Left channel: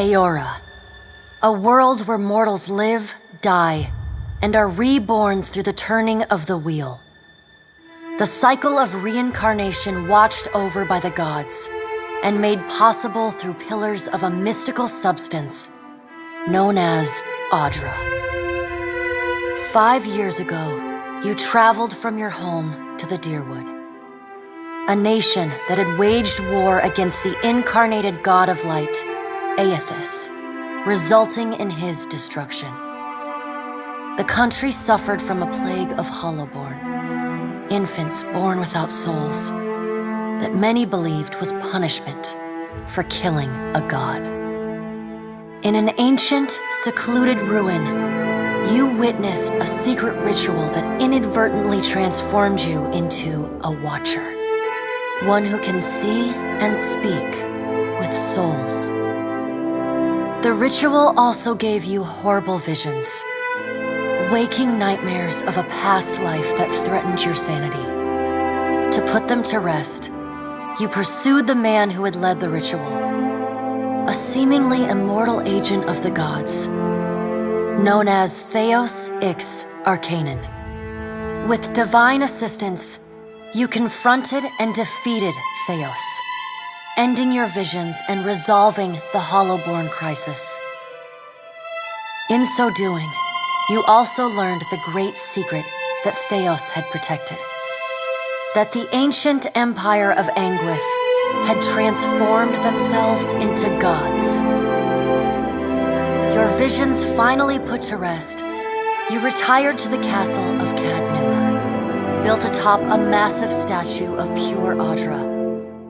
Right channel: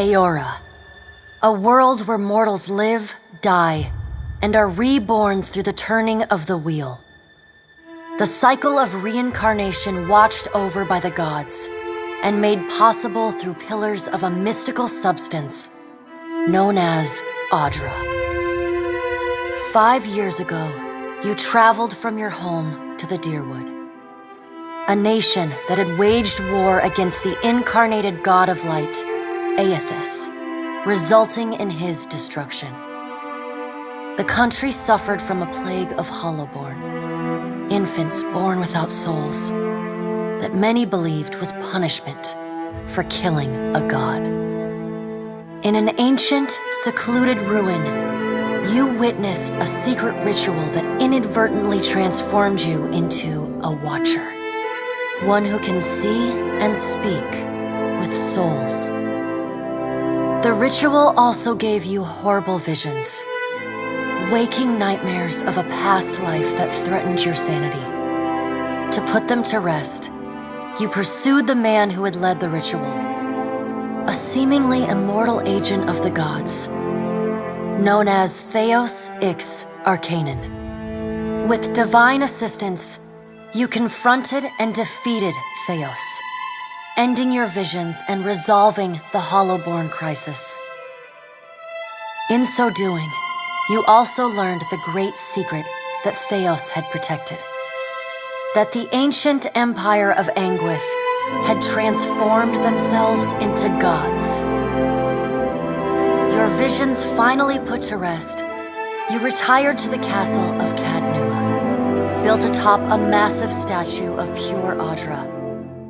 Aora, a world where mortals live, die, and are reborn through the turning of the wheel. The cycle of reincarnation watched over by the gods and made possible through pillars of a mystical substance known as Audra. 5 years ago, you traveled from your home to the Deerwood, a nation that had waged war against the incarnated god of light, Aethys, resulting in his destruction. The country suffered from a plague of hollowborn, infants born without souls, that many believed was punishment for killing a god. In an ancient, secluded ruin, you witnessed a secret ritual that inadvertently transformed you into a watcher, one who can see and speak with souls. The ritual also gave you horrible visions, waking nightmares of a past life that threatened your sanity. To put them to rest, you pursued the man who had led the ritual, a seemingly immortal agent of the gods, known as Theos Ix Arcanon. With divine assistance, you confronted and defeated Theos, ending your visions and resolving the Hollowborn crisis. In so doing, you also learned the great secret that Theos had protected, that the ancient empire of Anguith had transformed themselves into gods. Your visions finally put to rest, you retired to the castle of Cadnua, built atop a massive statue of pure Audra,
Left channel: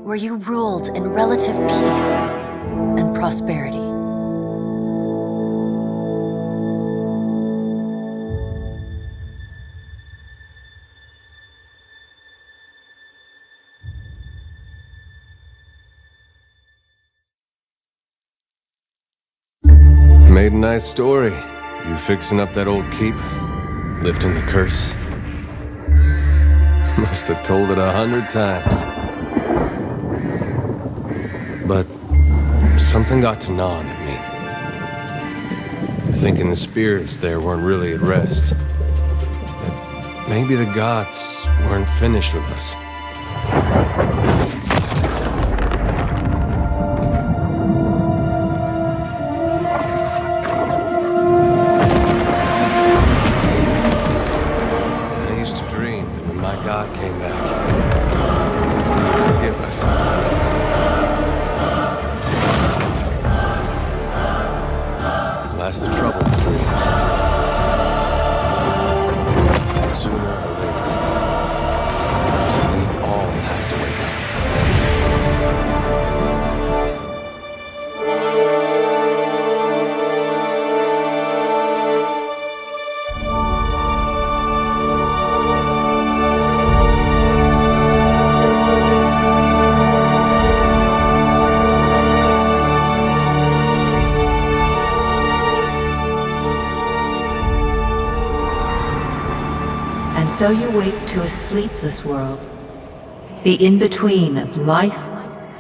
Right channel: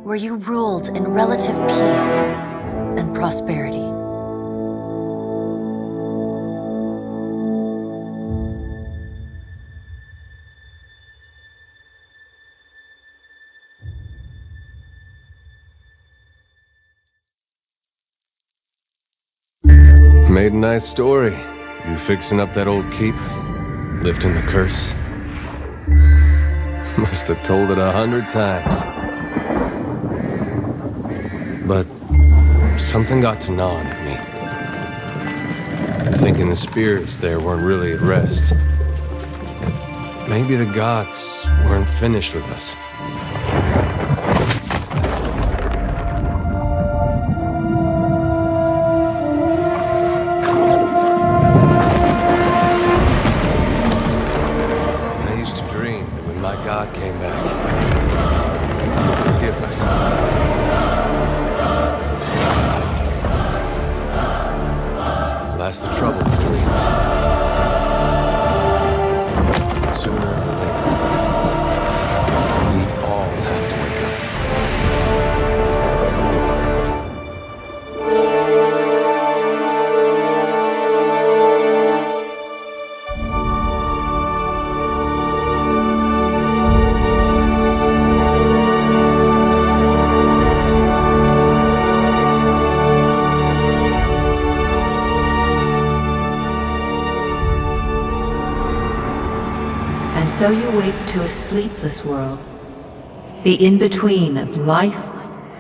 where you ruled in relative peace and prosperity. Made a nice story. You fixing up that old keep? Lifting the curse? Must have told it 100 times. But something got to gnawing at me. Thinking the spirits there weren't really at rest. That maybe the gods weren't finished with us. My God came back. He would forgive us. Last the trouble with dreams. Sooner or later, we all have to wake up. So you wake to a sleepless world, the in-between of life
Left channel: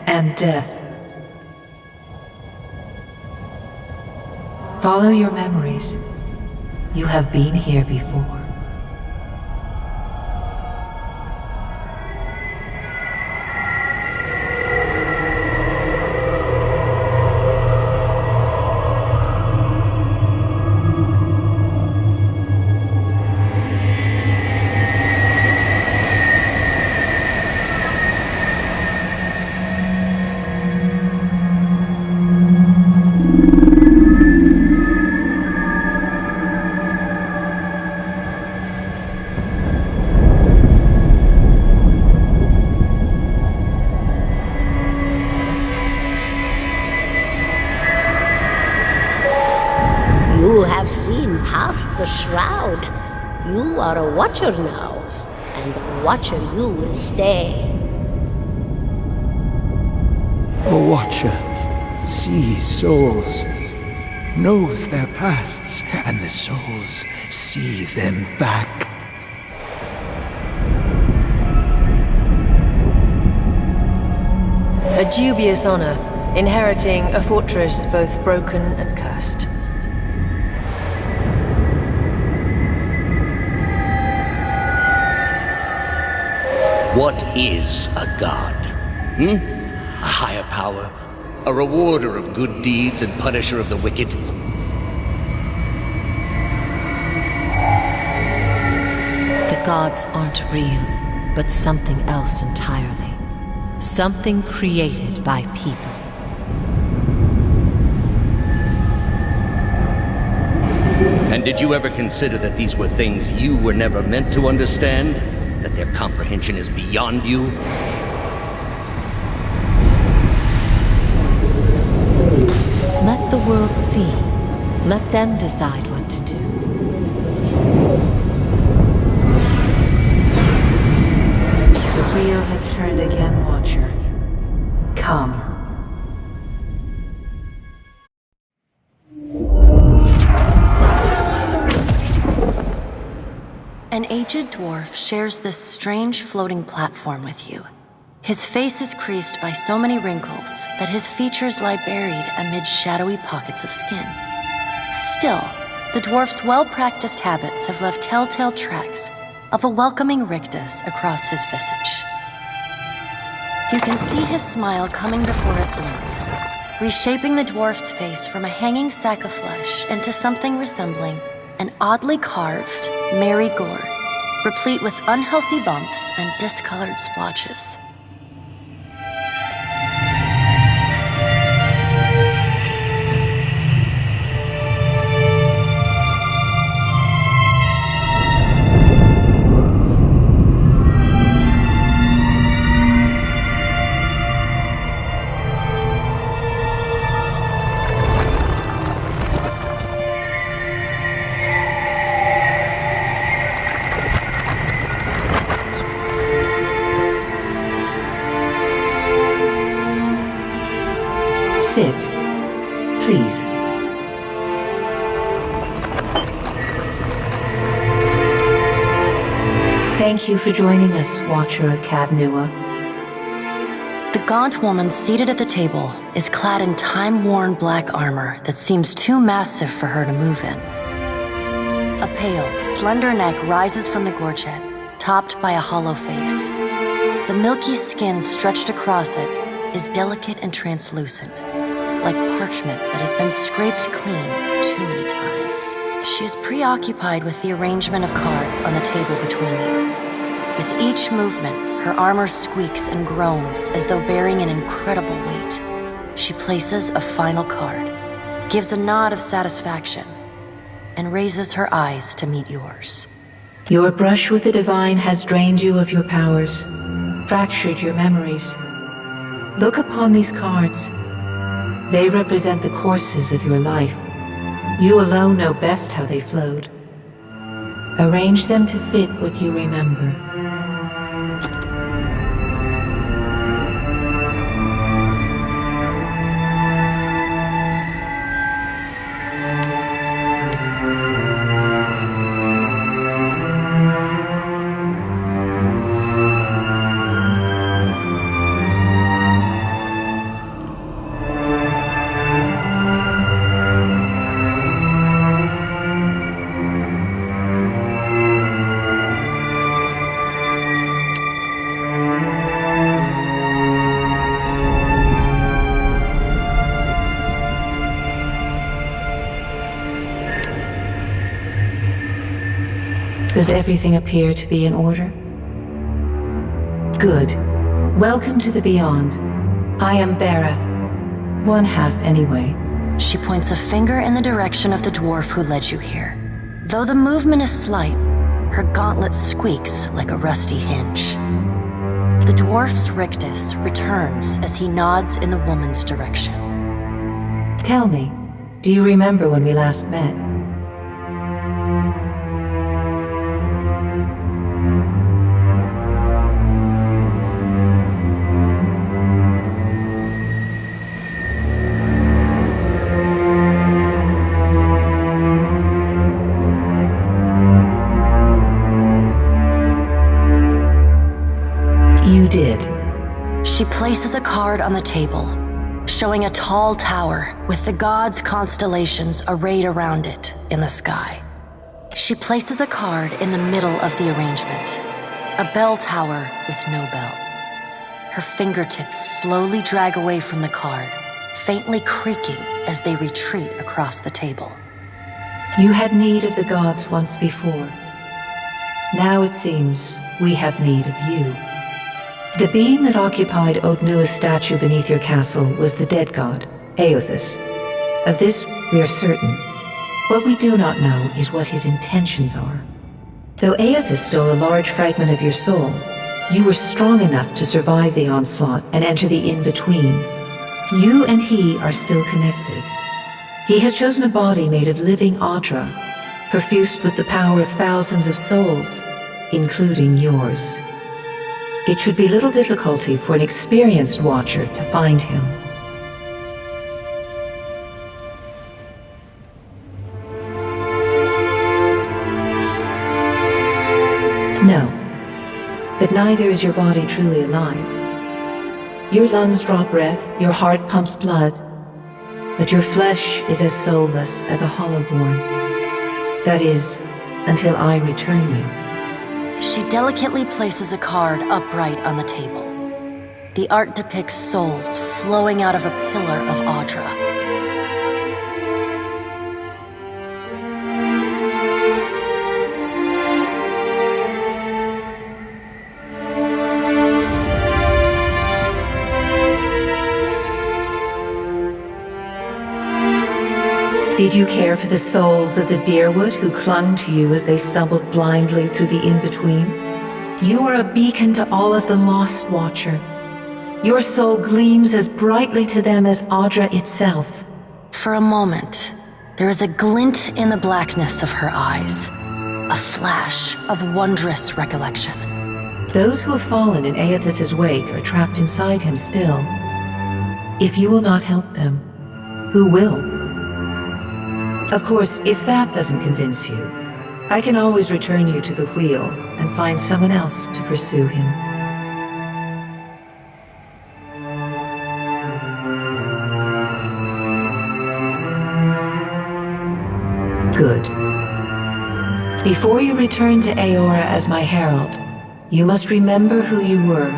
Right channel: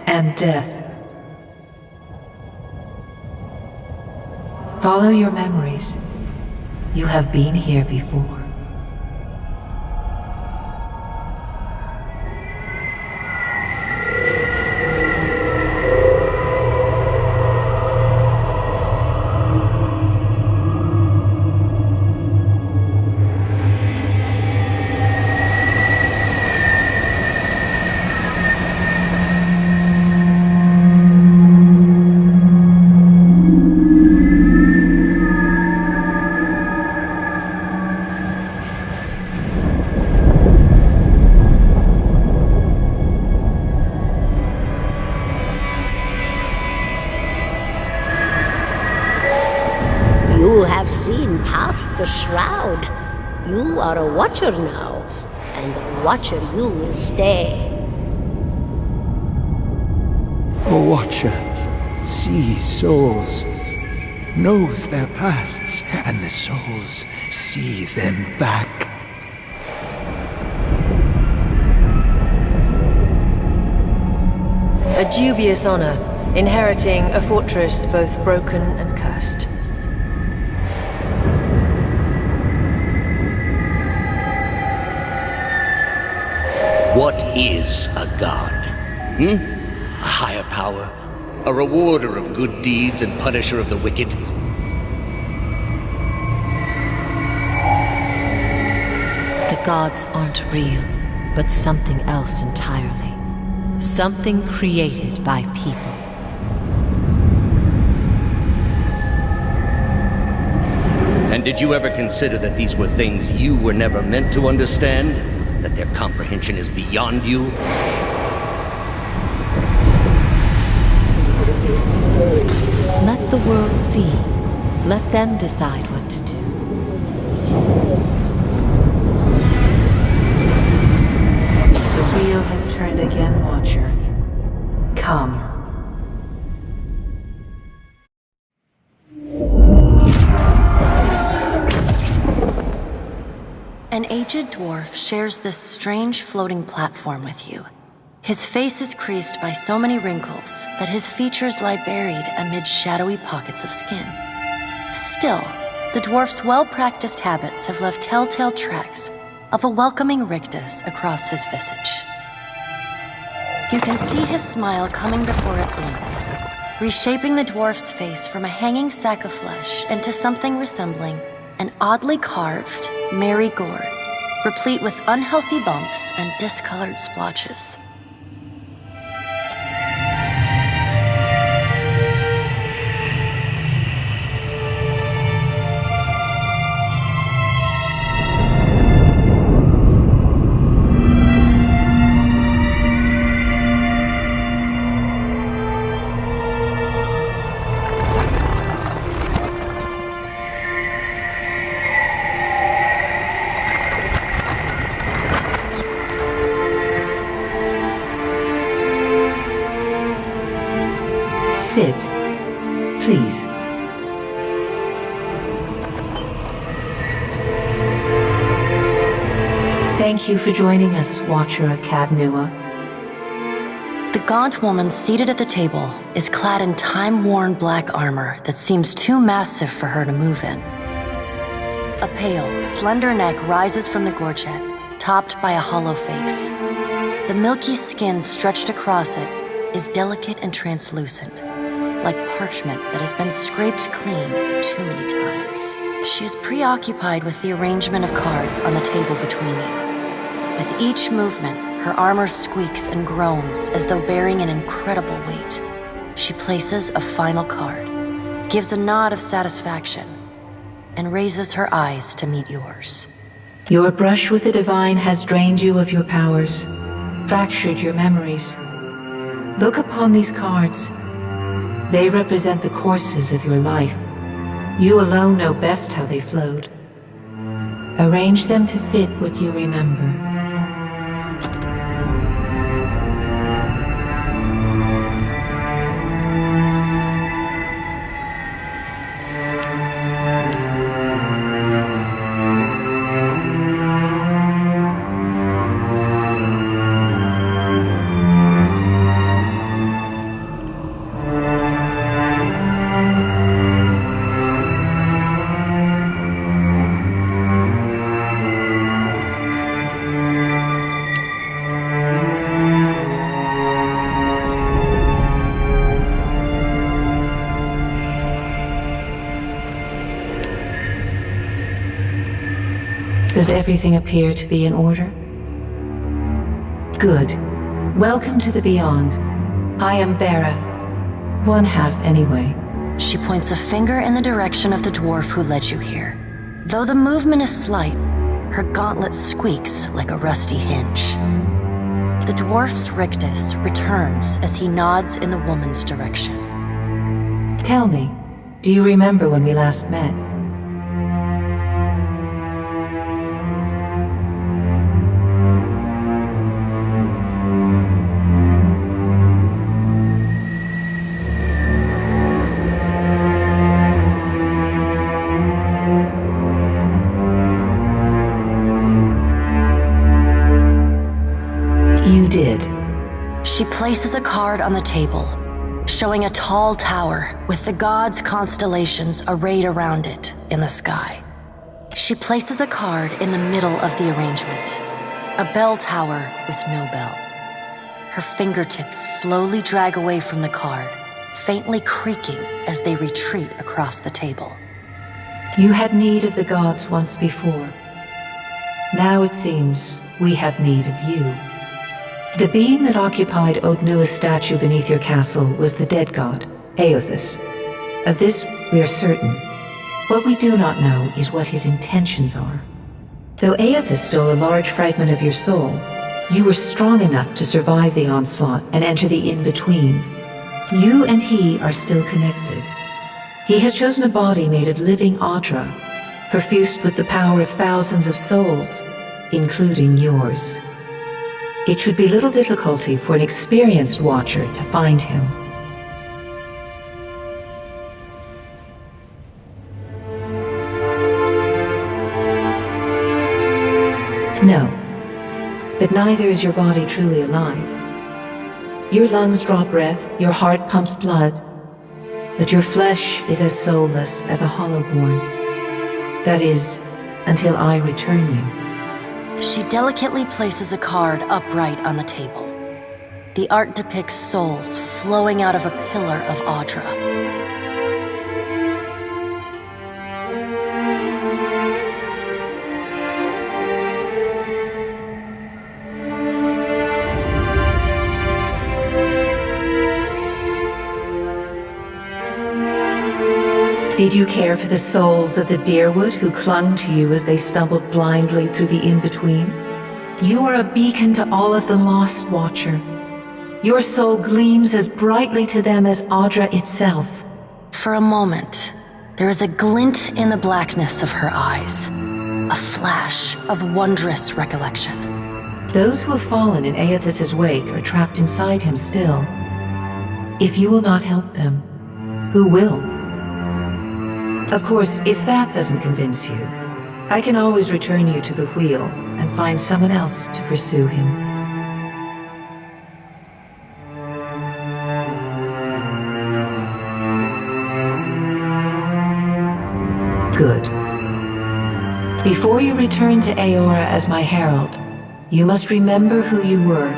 and death. Follow your memories. You have been here before. You have seen past the shroud. You are a watcher now, and a watcher you will stay. A watcher sees souls, knows their pasts, and the souls see them back. A dubious honor, inheriting a fortress both broken and cursed. What is a god? A higher power? A rewarder of good deeds and punisher of the wicked? The gods aren't real, but something else entirely. Something created by people. And did you ever consider that these were things you were never meant to understand? That their comprehension is beyond you? Let the world see. Let them decide what to do. The wheel has turned again, Watcher. Come. An aged dwarf shares this strange floating platform with you. His face is creased by so many wrinkles that his features lie buried amid shadowy pockets of skin. Still, the dwarf's well-practiced habits have left telltale tracks of a welcoming rictus across his visage. You can see his smile coming before it blooms, reshaping the dwarf's face from a hanging sack of flesh into something resembling an oddly carved, merry gourd, replete with unhealthy bumps and discolored splotches. Sit, please. Thank you for joining us, Watcher of Cadnua. The gaunt woman seated at the table is clad in time-worn black armor that seems too massive for her to move in. A pale, slender neck rises from the gorget, topped by a hollow face. The milky skin stretched across it is delicate and translucent, like parchment that has been scraped clean too many times. She is preoccupied with the arrangement of cards on the table between you. With each movement, her armor squeaks and groans as though bearing an incredible weight. She places a final card, gives a nod of satisfaction, and raises her eyes to meet yours. Your brush with the divine has drained you of your powers, fractured your memories. Look upon these cards. They represent the courses of your life. You alone know best how they flowed. Arrange them to fit what you remember. Does everything appear to be in order? Good. Welcome to the Beyond. I am Barath. One half, anyway. She points a finger in the direction of the dwarf who led you here. Though the movement is slight, her gauntlet squeaks like a rusty hinge. The dwarf's rictus returns as he nods in the woman's direction. Tell me, do you remember when we last met? You did. She places a card on the table, showing a tall tower with the gods' constellations arrayed around it in the sky. She places a card in the middle of the arrangement, a bell tower with no bell. Her fingertips slowly drag away from the card, faintly creaking as they retreat across the table. You had need of the gods once before. Now it seems we have need of you. The being that occupied Odnua's statue beneath your castle was the dead god, Aothis. Of this we are certain. What we do not know is what his intentions are. Though Aothis stole a large fragment of your soul, you were strong enough to survive the onslaught and enter the in-between. You and he are still connected. He has chosen a body made of living Audra, perfused with the power of thousands of souls, including yours. It should be little difficulty for an experienced watcher to find him. No, but neither is your body truly alive. Your lungs draw breath, your heart pumps blood, but your flesh is as soulless as a hollowborn. That is, until I return you. She delicately places a card upright on the table. The art depicts souls flowing out of a pillar of Audra. Did you care for the souls of the deerwood who clung to you as they stumbled blindly through the in-between? You are a beacon to all of the lost, Watcher. Your soul gleams as brightly to them as Audra itself. For a moment, there is a glint in the blackness of her eyes, a flash of wondrous recollection. Those who have fallen in Aethis's wake are trapped inside him still. If you will not help them, who will? Of course, if that doesn't convince you, I can always return you to the wheel and find someone else to pursue him. Good. Before you return to Aora as my herald, you must remember who you were,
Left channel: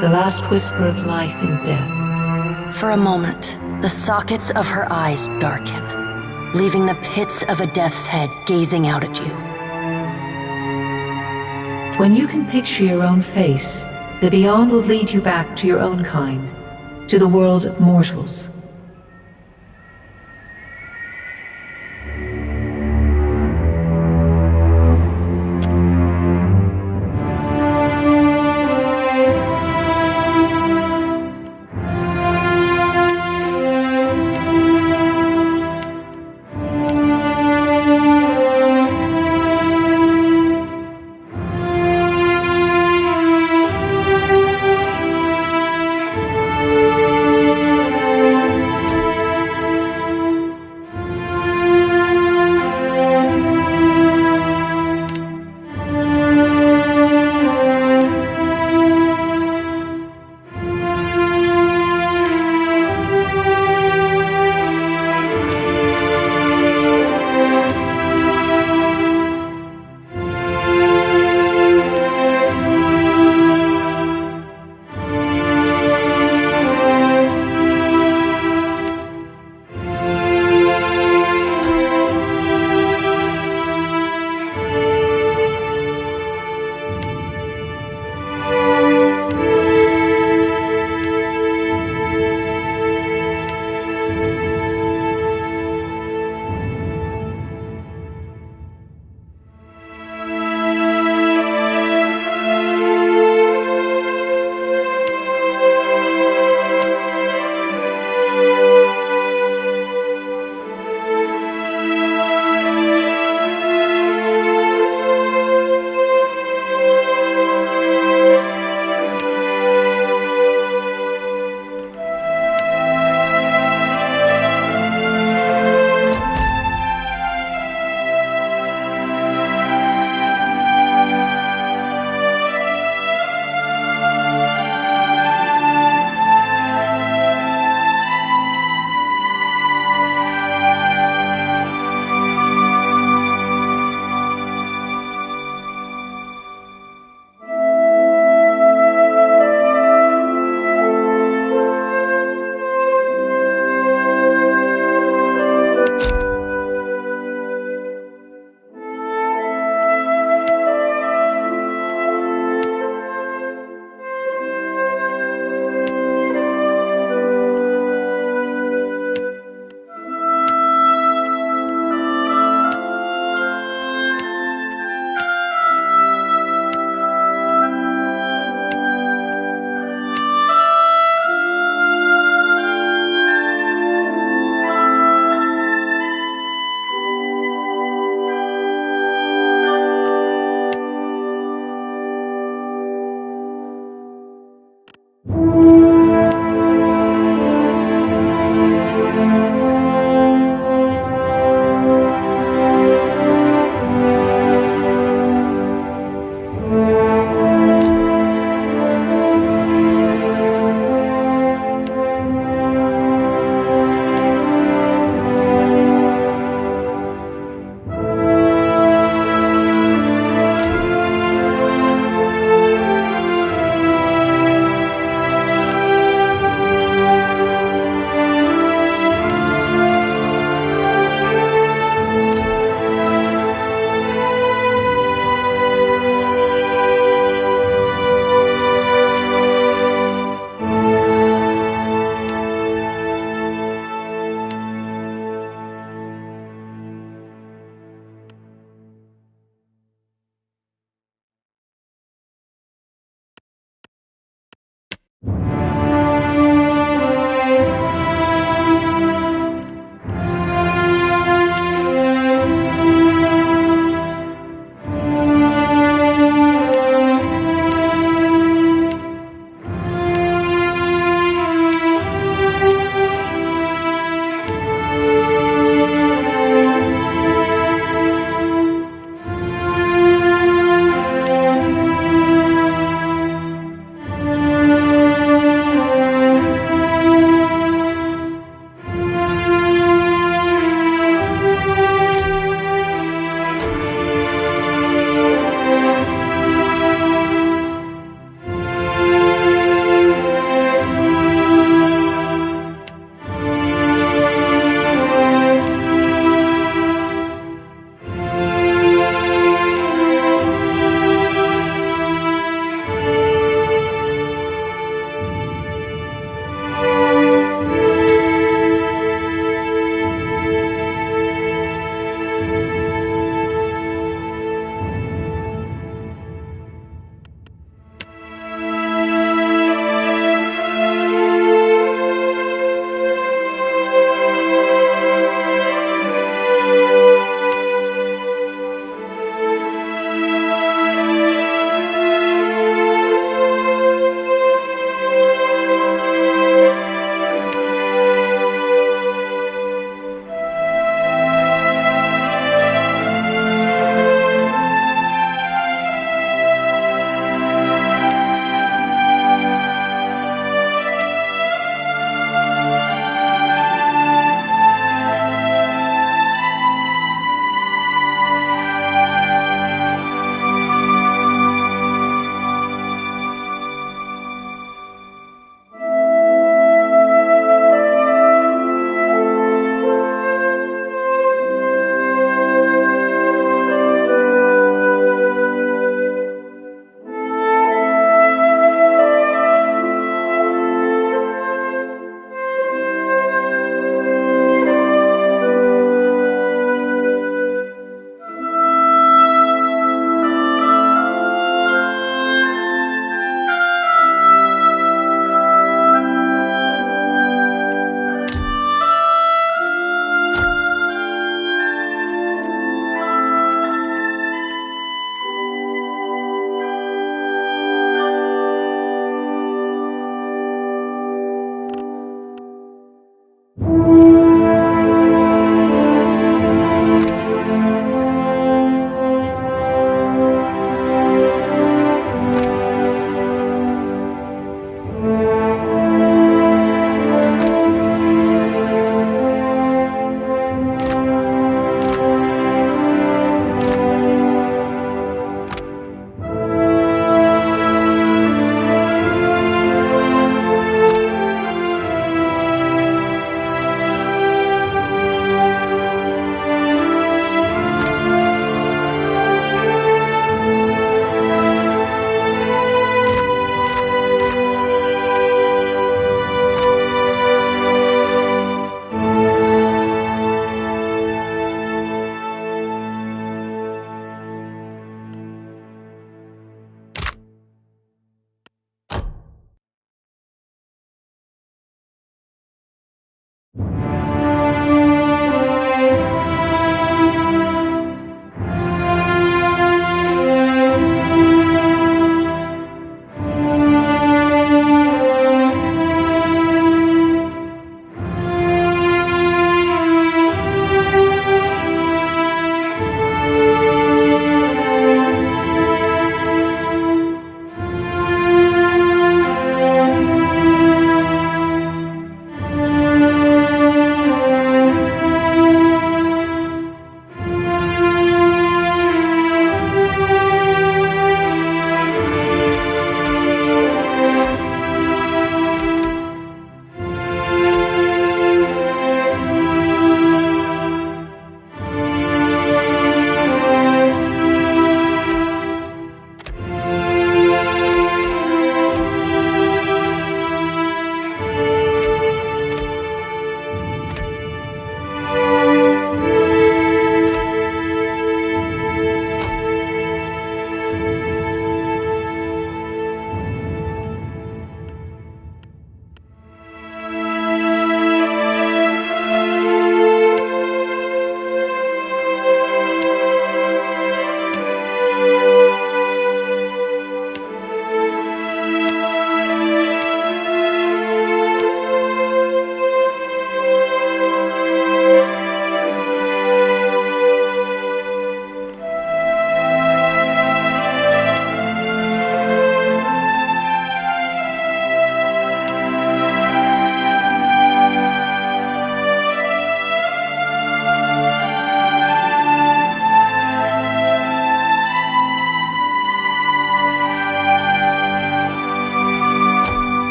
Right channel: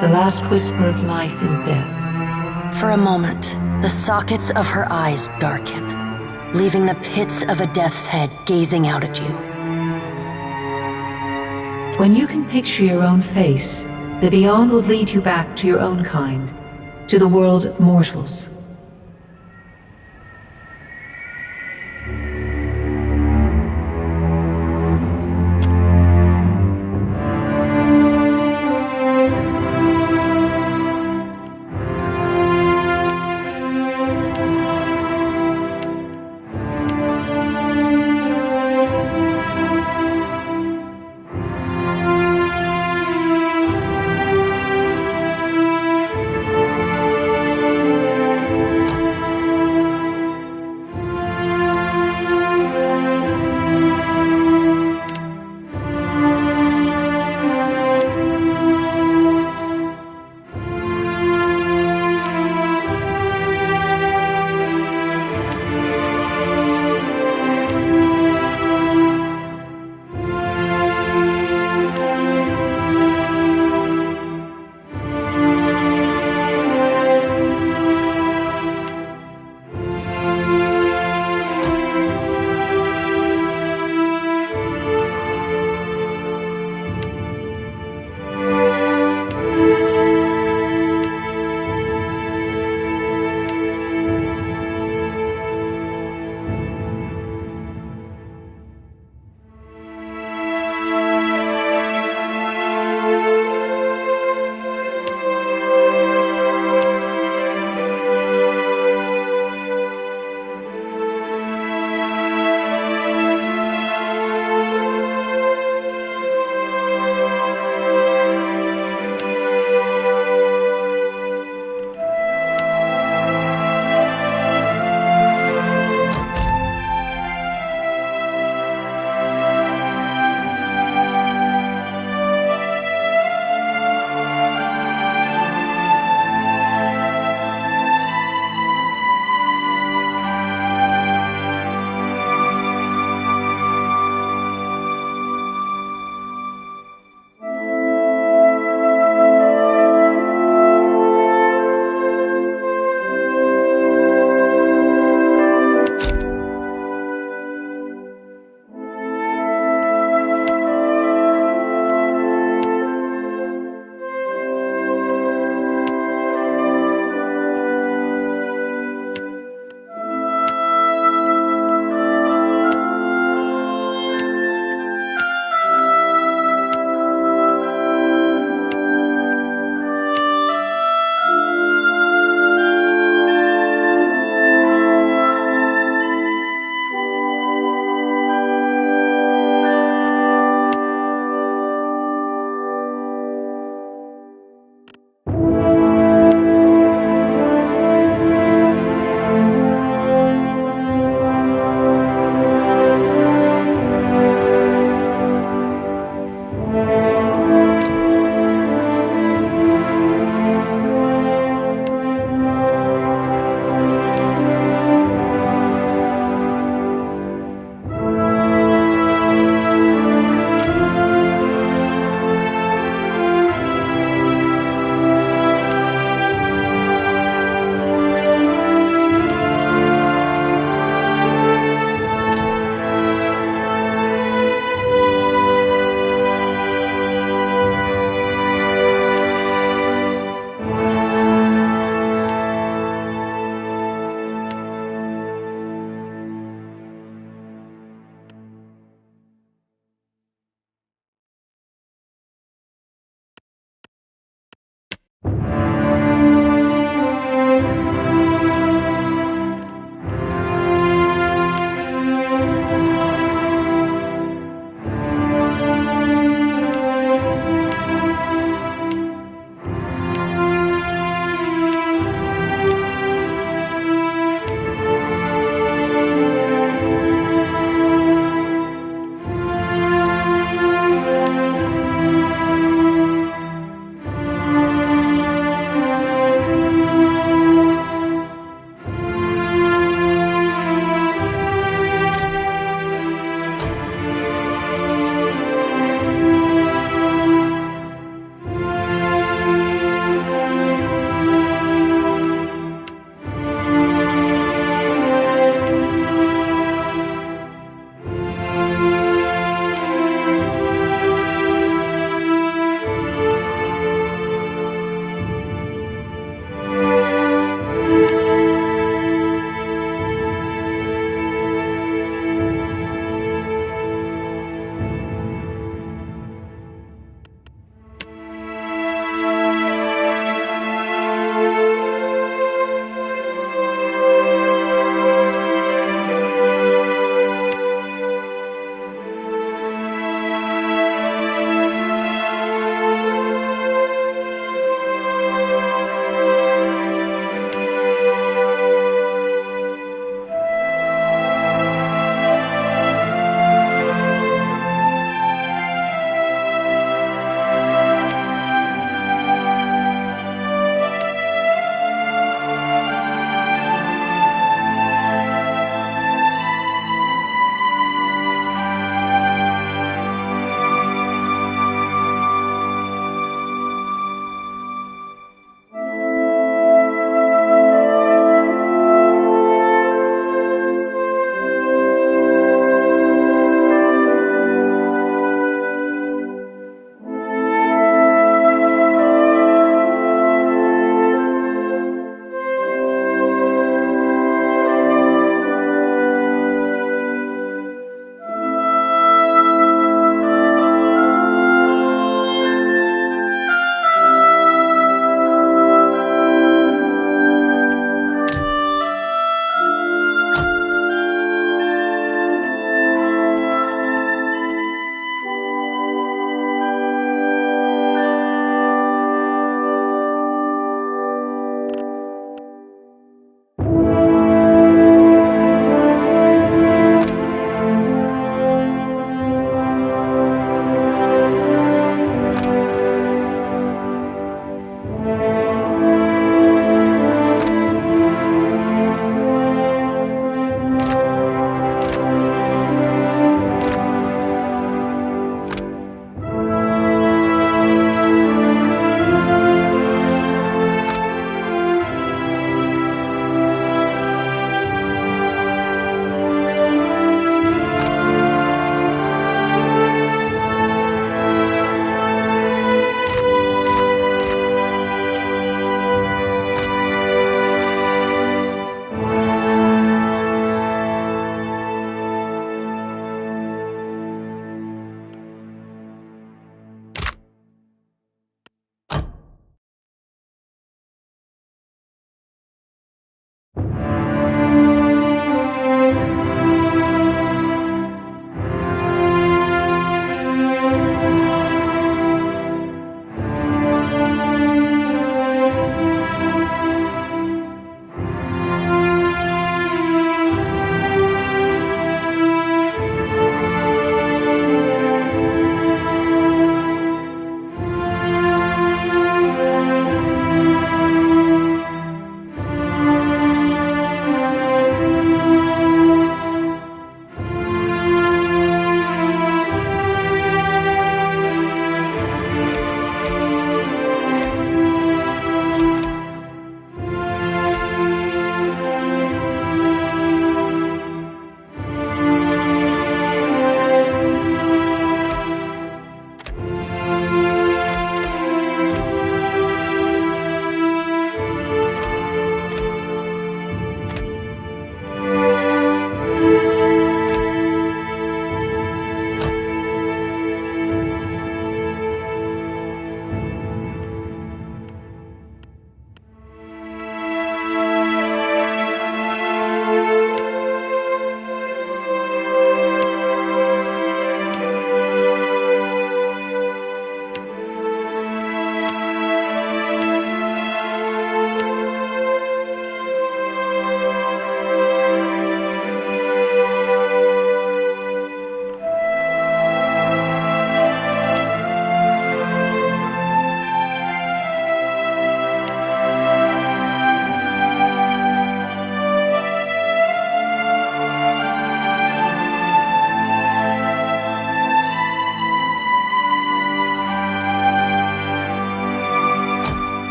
the last whisper of life and death. For a moment, the sockets of her eyes darken, leaving the pits of a death's head gazing out at you. When you can picture your own face, the beyond will lead you back to your own kind, to the world of mortals.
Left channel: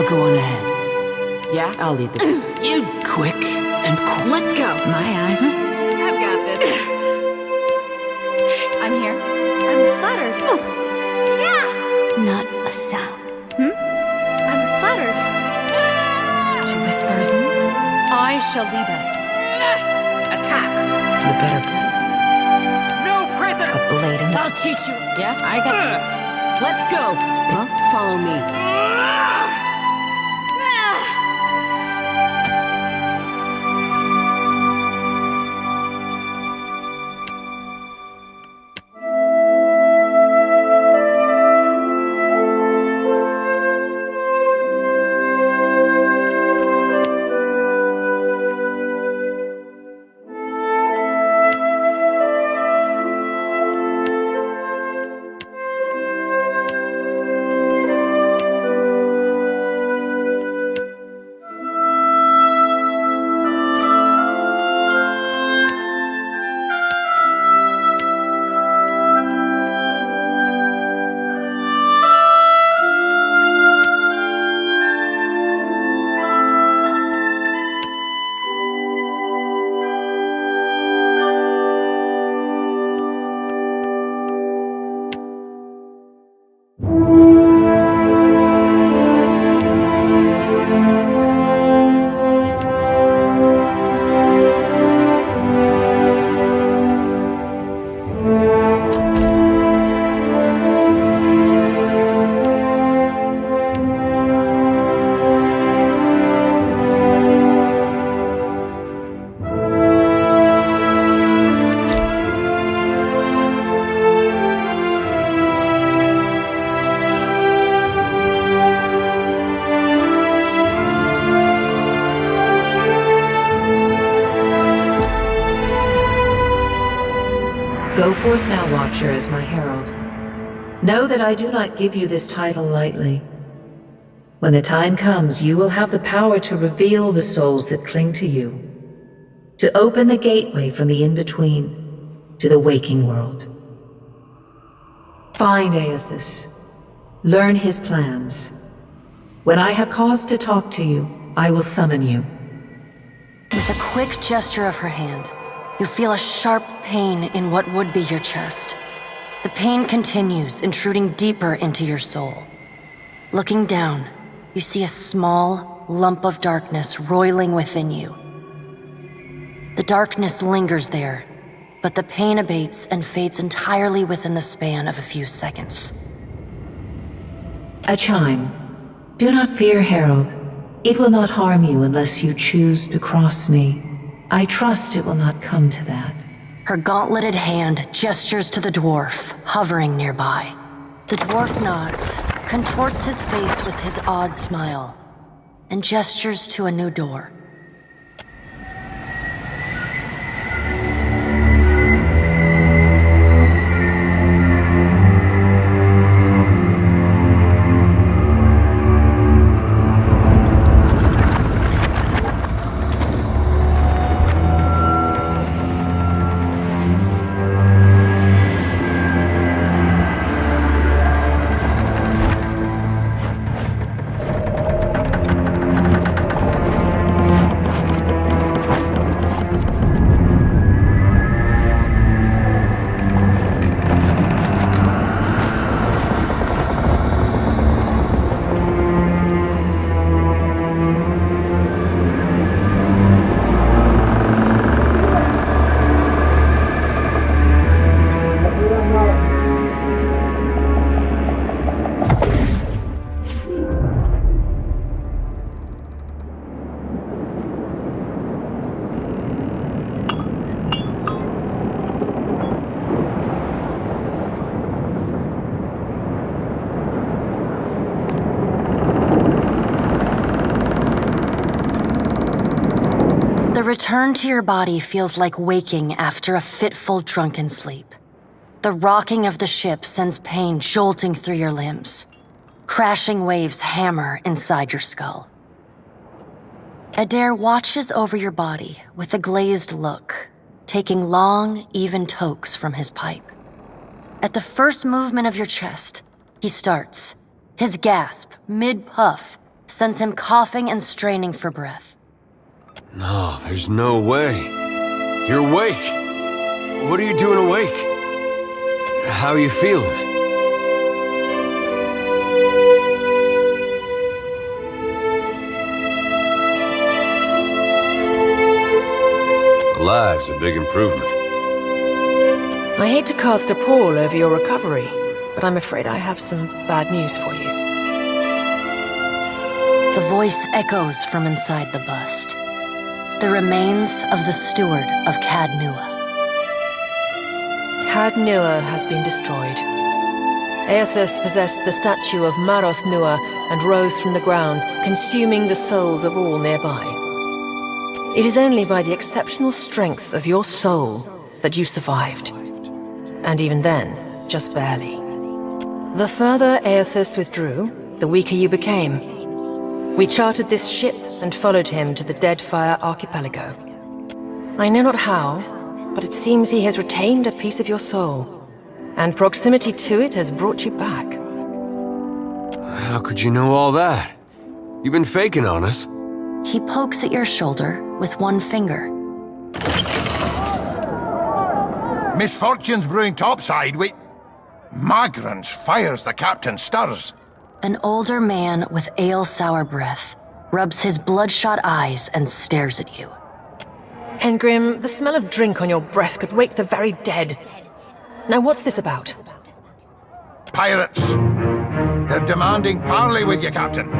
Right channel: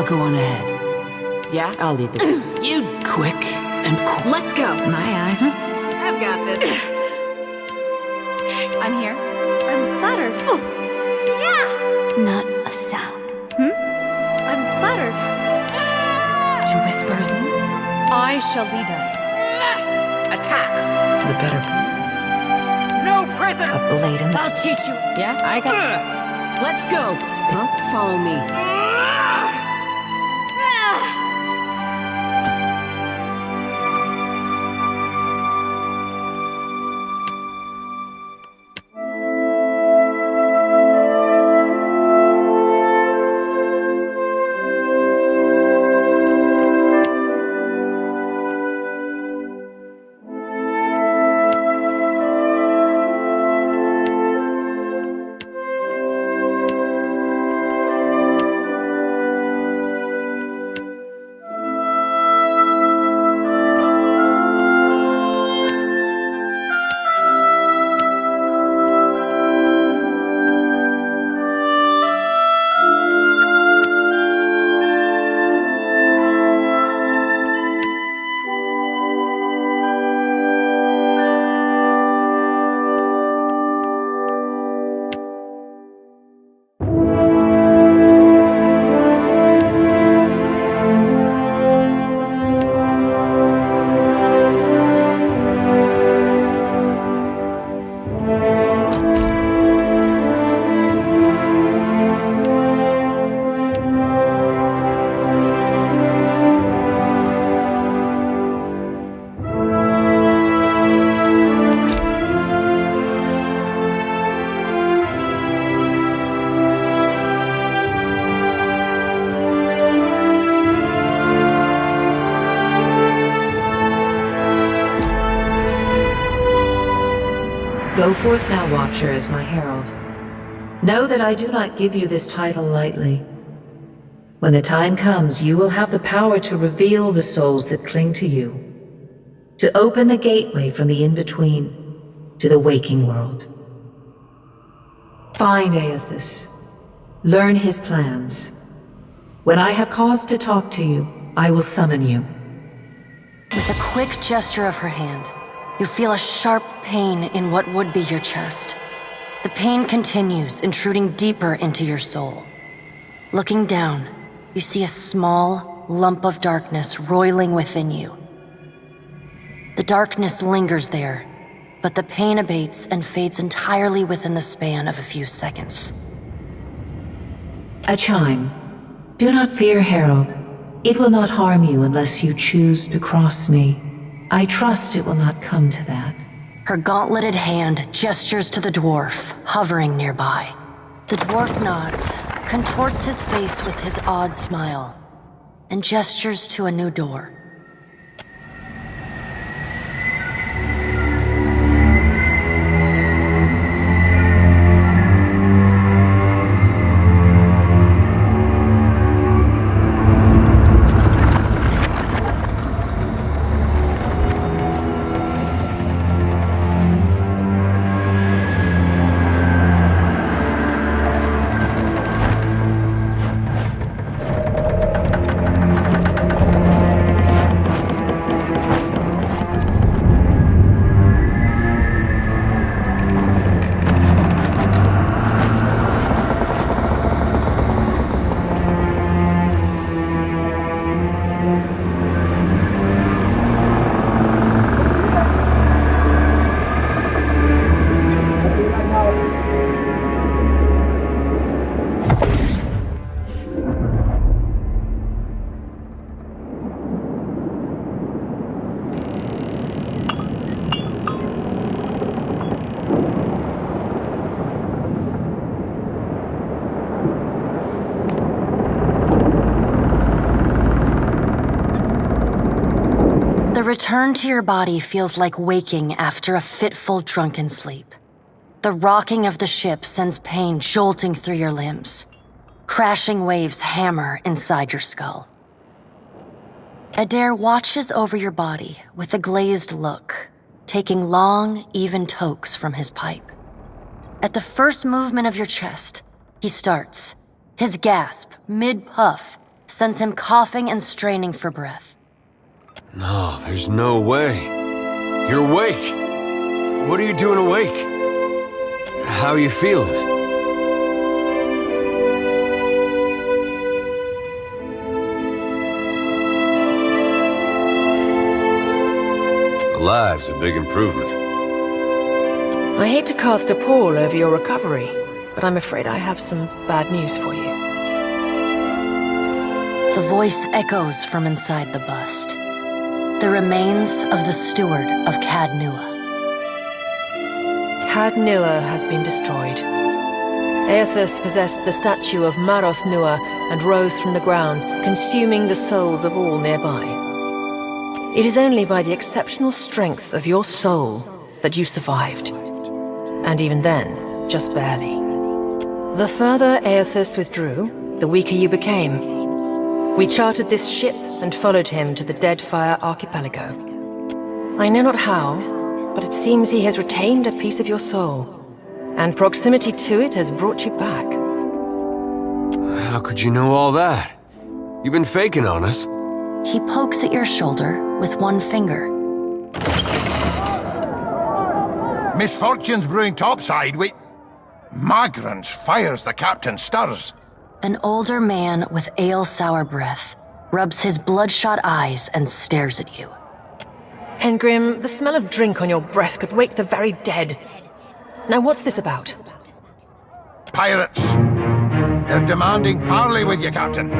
I'll go on ahead. Yeah? I'll lead the way. You... Quick and cool. Let's go. My eye. I've got this. I'm here. I'm flattered. Not a sound. I'm flattered. To whispers. I shall lead us. Attack! The better. No prisoner! A blade in the. I'll teach you. Yeah, I got it. Let's go. Follow me. Go forth now, Watcher, as my herald. Know that I do not give you this title lightly. When the time comes, you will have the power to reveal the souls that cling to you, to open the gateway from the in-between to the waking world. Find Aethys. Learn his plans. When I have cause to talk to you, I will summon you. With a quick gesture of her hand, you feel a sharp pain in what would be your chest. The pain continues, intruding deeper into your soul. Looking down, you see a small lump of darkness roiling within you. The darkness lingers there, but the pain abates and fades entirely within the span of a few seconds. A chime. Do not fear, Herald. It will not harm you unless you choose to cross me. I trust it will not come to that. Her gauntleted hand gestures to the dwarf, hovering nearby. The dwarf nods, contorts his face with his odd smile, and gestures to a new door. The return to your body feels like waking after a fitful drunken sleep. The rocking of the ship sends pain jolting through your limbs. Crashing waves hammer inside your skull. Adair watches over your body with a glazed look, taking long, even tokes from his pipe. At the first movement of your chest, he starts, his gasp, mid-puff, sends him coughing and straining for breath. No, there's no way. You're awake. What are you doing awake? How are you feeling? Alive's a big improvement. I hate to cast a pall over your recovery, but I'm afraid I have some bad news for you. The voice echoes from inside the bust. The remains of the steward of Cad Nua. Cad Nua has been destroyed. Aethys possessed the statue of Maros Nua and rose from the ground, consuming the souls of all nearby. It is only by the exceptional strength of your soul that you survived. And even then, just barely. The further Aethys withdrew, the weaker you became. We chartered this ship and followed him to the Deadfire archipelago. I know not how, but it seems he has retained a piece of your soul, and proximity to it has brought you back. How could you know all that? You've been faking on us. He pokes at your shoulder with one finger. Misfortune's brewing topside. Magrans fires the captain stirs. An older man with ale-sour breath rubs his bloodshot eyes and stares at you. Engrim, the smell of drink on your breath could wake the very dead. Now what's this about? Pirates. They're demanding parley with you, Captain.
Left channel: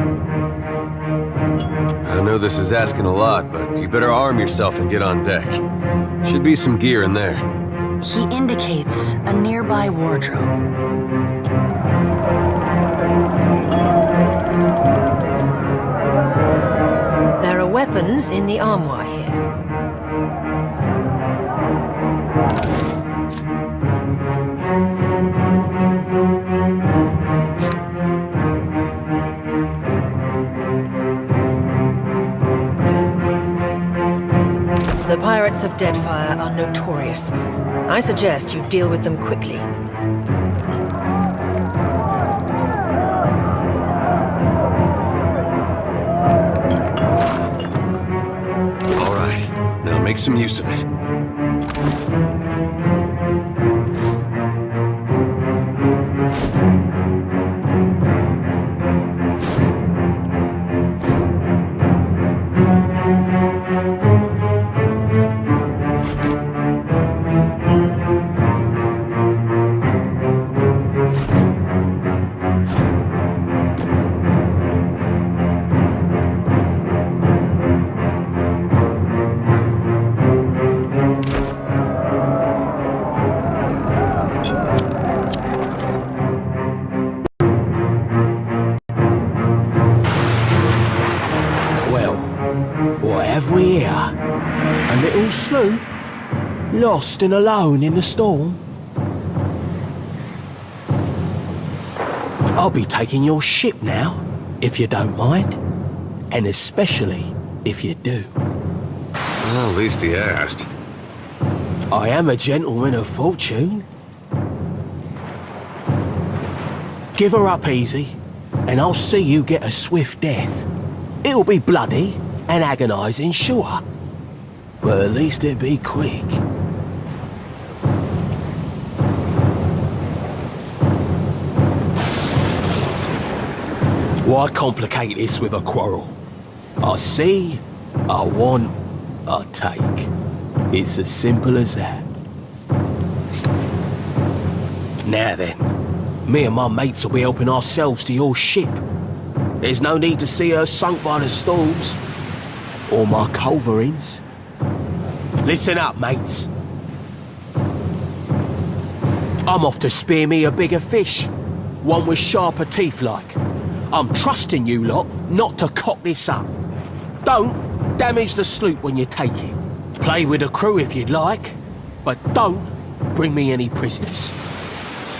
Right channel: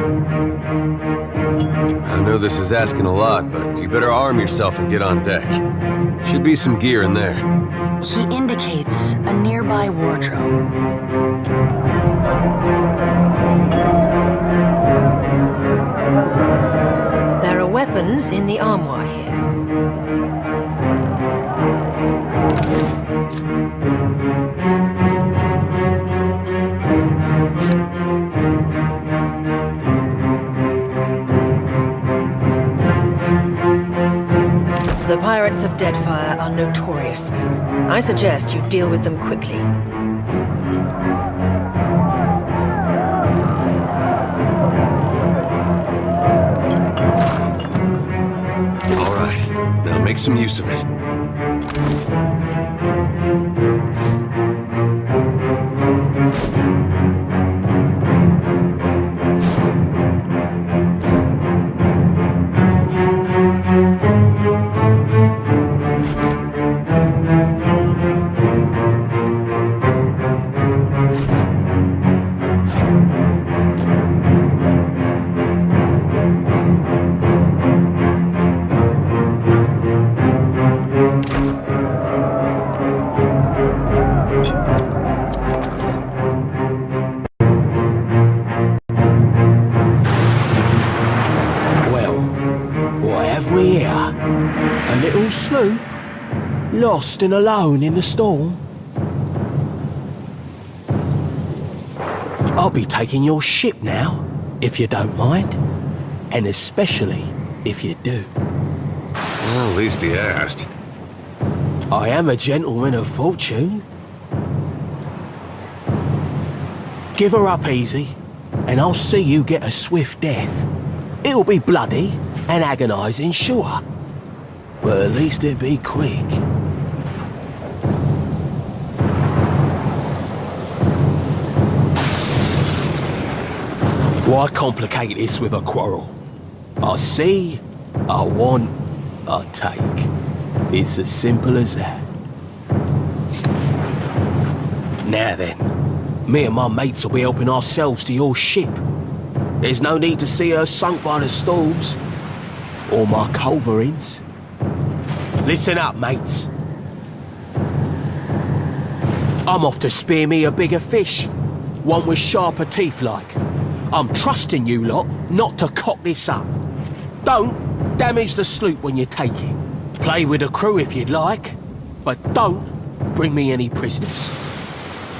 I know this is asking a lot, but you better arm yourself and get on deck. Should be some gear in there. He indicates a nearby wardrobe. There are weapons in the armoire here. The pirates of Deadfire are notorious. I suggest you deal with them quickly. All right, now make some use of it. What have we here? A little sloop? Lost and alone in the storm? I'll be taking your ship now, if you don't mind. And especially if you do. Well, at least he asked. I am a gentleman of fortune. Give her up easy, and I'll see you get a swift death. It'll be bloody and agonizing, sure. But at least it'll be quick. Why complicate this with a quarrel? I see, I want, I take. It's as simple as that. Now then, me and my mates will be helping ourselves to your ship. There's no need to see her sunk by the storms. Or my culverins. Listen up, mates. I'm off to spear me a bigger fish. One with sharper teeth like. I'm trusting you lot not to cock this up. Don't damage the sloop when you take it. Play with the crew if you'd like, but don't bring me any prisoners.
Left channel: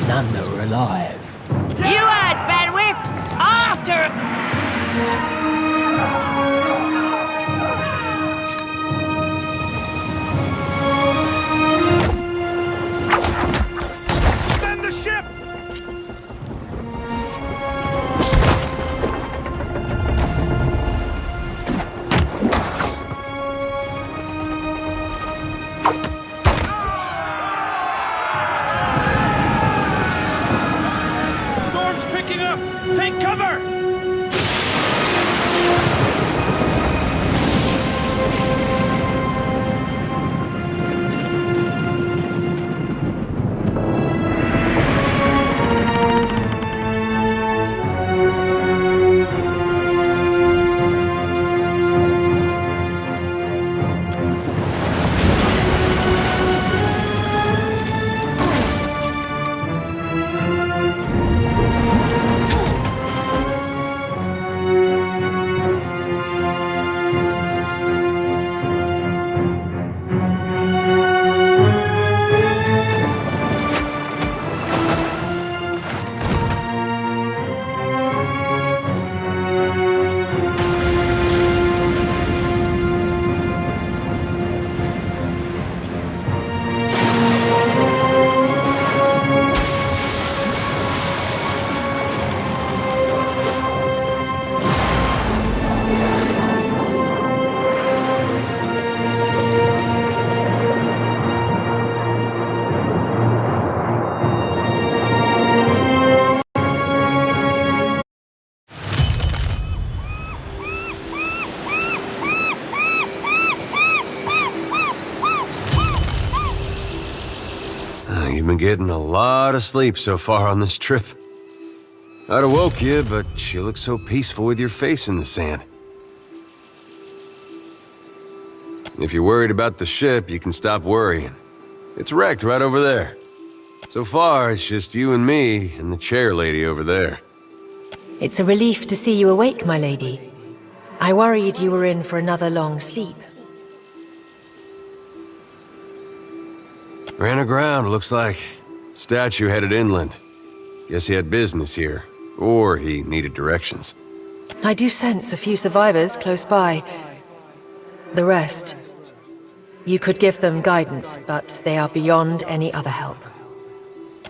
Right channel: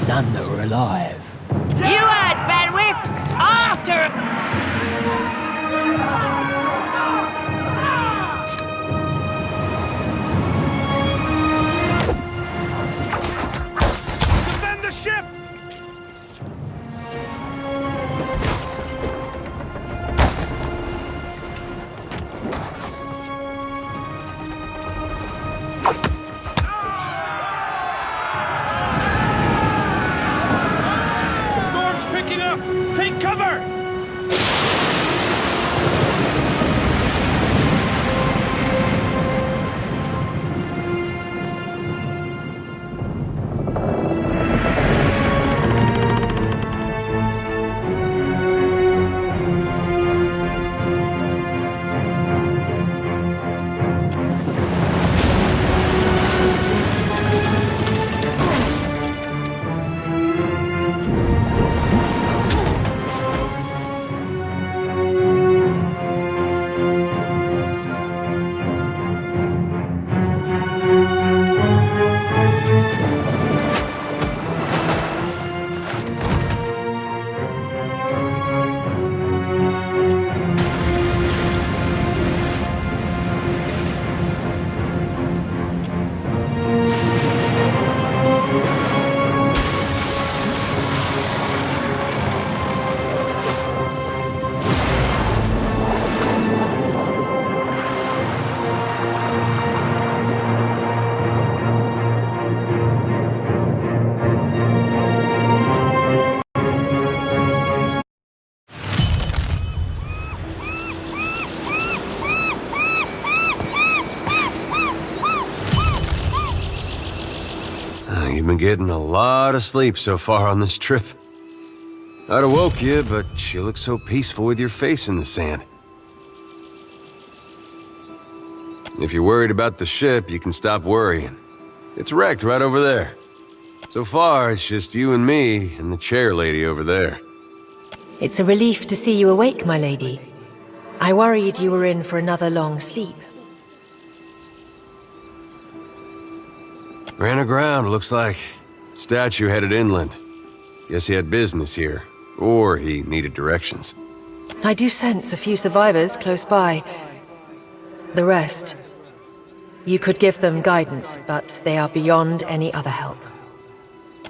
None that are alive. You had bandwidth! After... Defend the ship! picking up! Take cover! You've been getting a lot of sleep so far on this trip. I'd have woke you, but you look so peaceful with your face in the sand. If you're worried about the ship, you can stop worrying. It's wrecked right over there. So far, it's just you and me and the chair lady over there. It's a relief to see you awake, my lady. I worried you were in for another long sleep. Ran aground, looks like. Statue headed inland. Guess he had business here. Or he needed directions. I do sense a few survivors close by. The rest... You could give them guidance, but they are beyond any other help.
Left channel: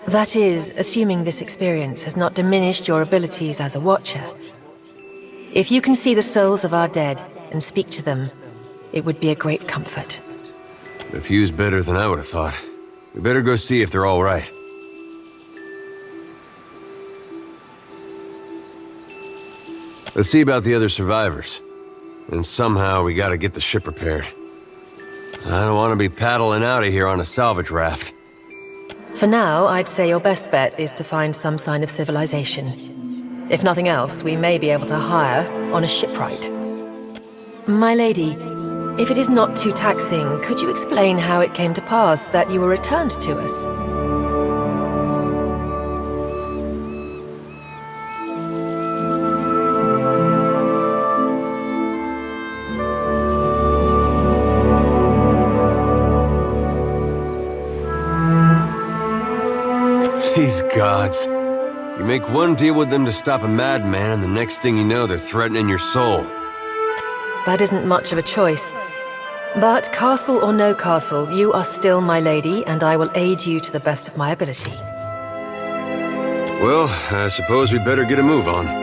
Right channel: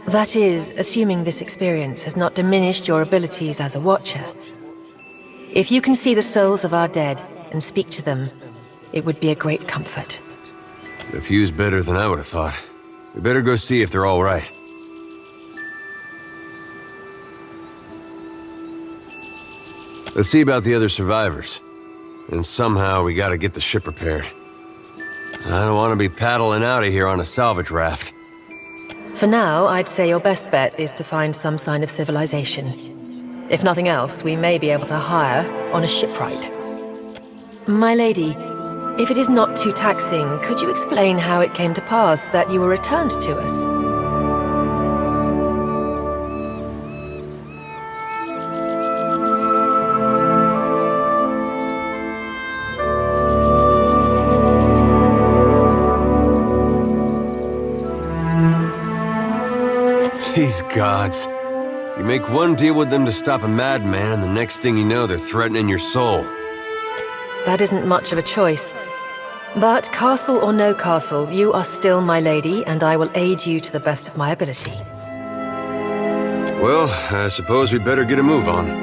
That is, assuming this experience has not diminished your abilities as a watcher. If you can see the souls of our dead and speak to them, it would be a great comfort. The view's better than I would have thought. We better go see if they're all right. Let's see about the other survivors. And somehow we gotta get the ship repaired. I don't want to be paddling out of here on a salvage raft. For now, I'd say your best bet is to find some sign of civilization. If nothing else, we may be able to hire on a shipwright. My lady, if it is not too taxing, could you explain how it came to pass that you were returned to us? These gods. You make one deal with them to stop a madman, and the next thing you know, they're threatening your soul. That isn't much of a choice. But castle or no castle, you are still my lady, and I will aid you to the best of my ability. Well, I suppose we better get a move on.